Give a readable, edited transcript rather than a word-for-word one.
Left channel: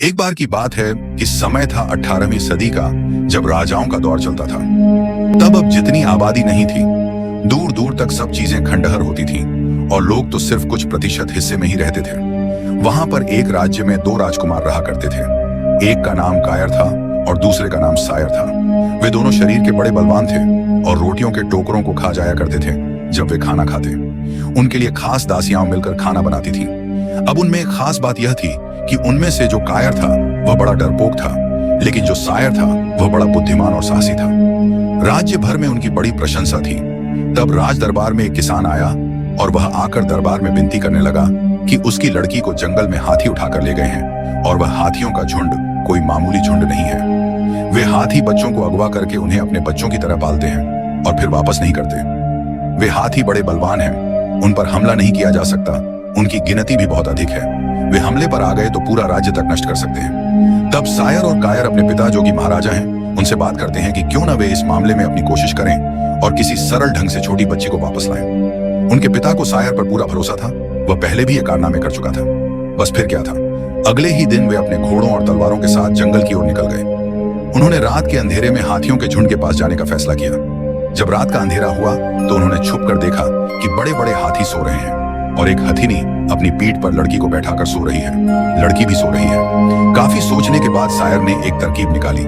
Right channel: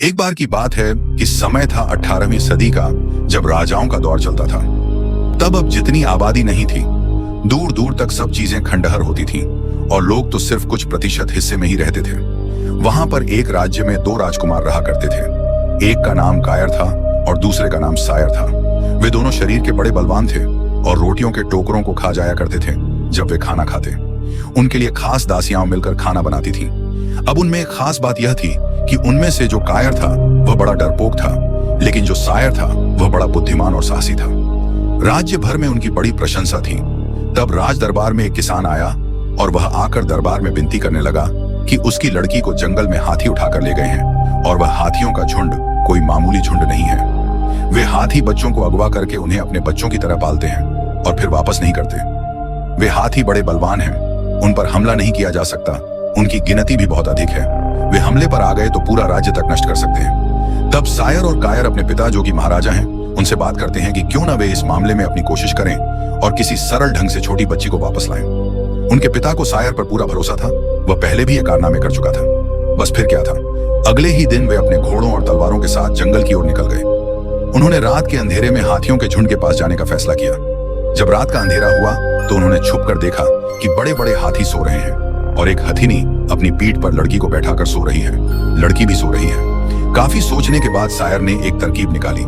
एक बार की बात है कि समय था 18वीं सदी का, जब राजाओं का दौर चलता था। तब अब जितनी आबादी नहीं थी, दूर दूर तक सब चीजें खंडहर होती थीं और लोग तो सिर्फ कुछ प्रतिशत हिस्से में ही रहते थे। वहां पर एक राज्य में दो राजकुमार रहा करते थे। एक का नाम कायर था और दूसरे का नाम सायर था। वे दोनों शरीर के बड़े बलवान थे और रोटियों के टोकरों को खा जाया करते थे जब वे खाना खाते। उनके लिए खास दासियां मिलकर खाना बनाती थीं। अब उनमें एक खास बात यह थी कि उनमें से जो कायर था वह बड़ा डरपोक था, लेकिन जो सायर था वह बड़ा बुद्धिमान और साहसी था। राज्य भर में उनकी बड़ी प्रशंसा थी। तब राज दरबार में एक किसान आया और वह आकर दरबार में विनती करने लगा कि उसकी लड़की को जंगल में हाथी उठाकर ले गए हैं और वह हाथियों का झुंड कोई मामूली झुंड नहीं है। वे हाथी बच्चों को अगवा करके उन्हें अपने बच्चों की तरह पालते हैं और फिर वापस नहीं करते। वे हाथी बड़े बलवान हैं, उन पर हमला नहीं किया जा सकता, उनकी गिनती भी बहुत अधिक है। वे हमले पर आ गए तो पूरा राज्य तक नष्ट कर सकते हैं। तब सायर और कायर अपने पिता, जो कि महाराजा हैं, उनसे बात करते हैं कि क्यों ना वे इस मामले में अपनी कोशिश करें और किसी सरल ढंग से छोटी बच्ची को वापस लाएं। उनके पिता को सायर पर पूरा भरोसा था, वह पहले भी ये कारनामे कर चुका था। बस फिर क्या था, अगले ही दिन वे अपने घोड़ों और तलवारों के साथ जंगल की ओर निकल गए। उन्होंने रात के अंधेरे में हाथियों के झुंड के पास जाने का फैसला किया। जब रात का अंधेरा हुआ तो उन्होंने छुपकर देखा कि बड़े बड़े हाथी सो रहे हैं और एक हथिनी अपनी पीठ पर लड़की को बैठाकर सो रही है। लड़की भी सो रही है। काफी सोचने के बाद सायर ने एक तरकीब निकाली।